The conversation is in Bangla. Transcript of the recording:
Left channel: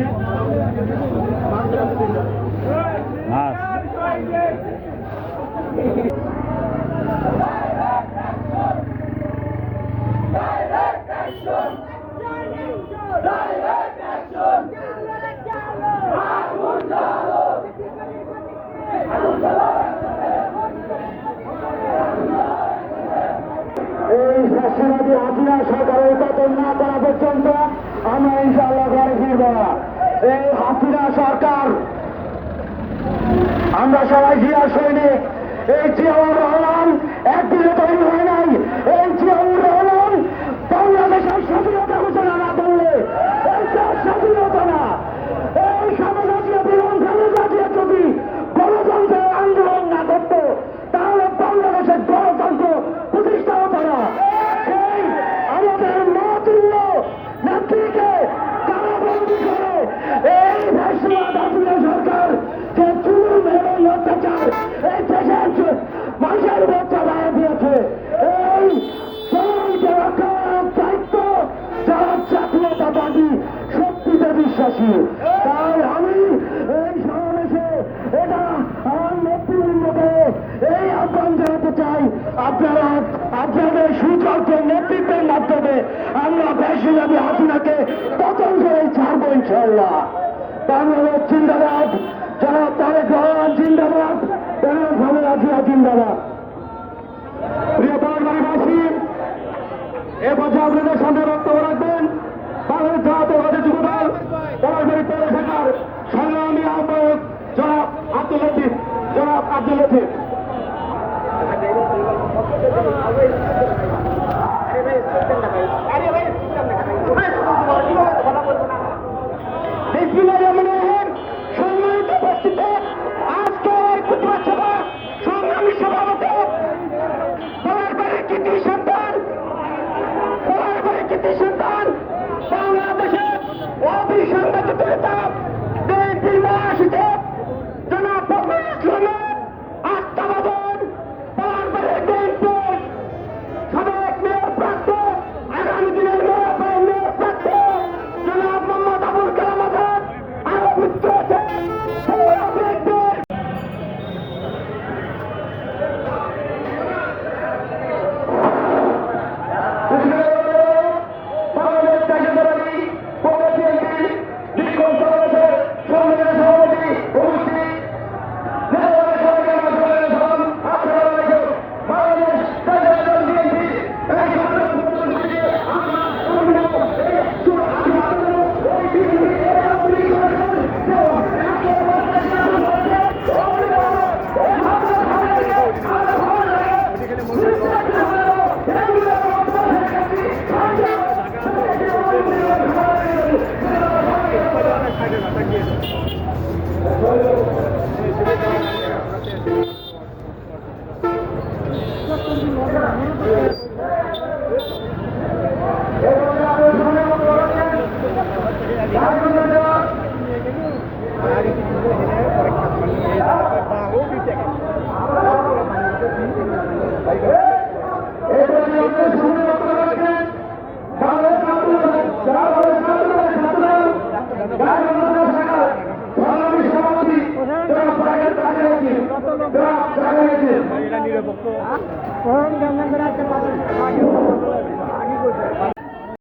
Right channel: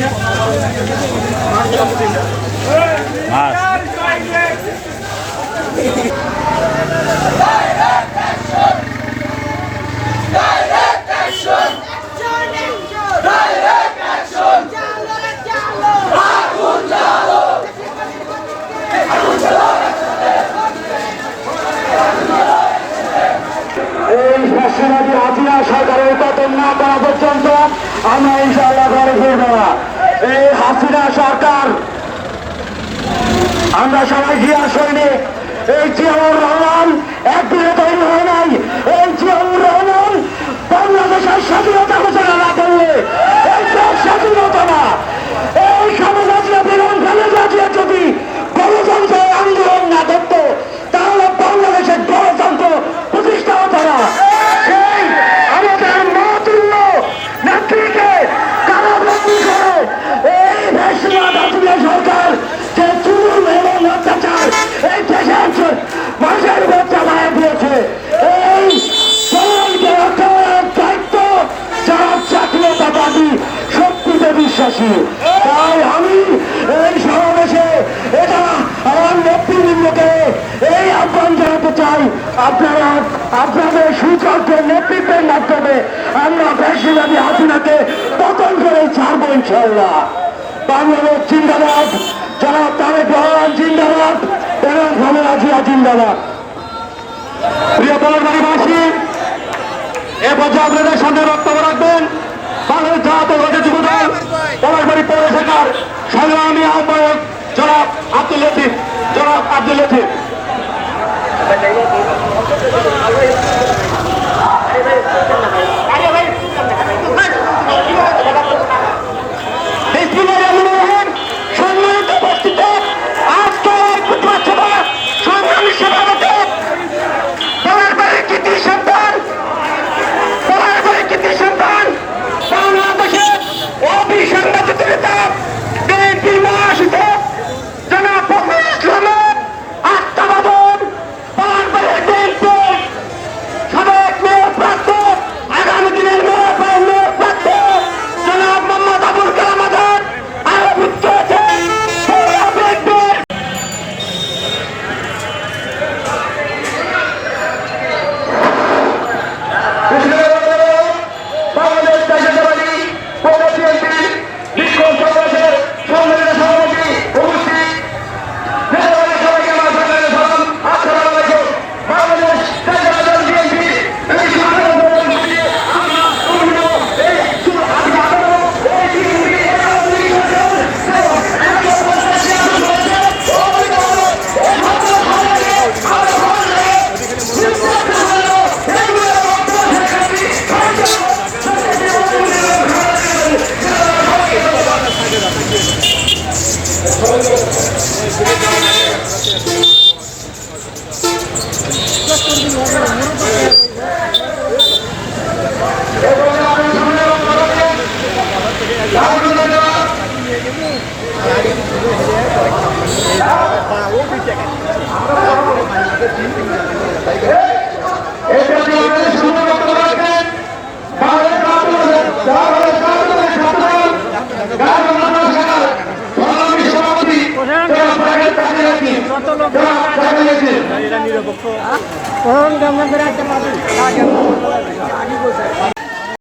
ya. আমরা ইনশাআল্লাহ ঘরে ফিরবো না। এই হাসিনা সরকার, আমরা সবাই জিয়া সৈনিক এই জিয়াউর রহমান একদিন আপনাদের সুযোগ্য নেতৃত্বের মাধ্যমে আমরা বেশিরভাগই আপনাকে পতন করে ছাড়বো ইনশাল্লাহ নিরপেক্ষ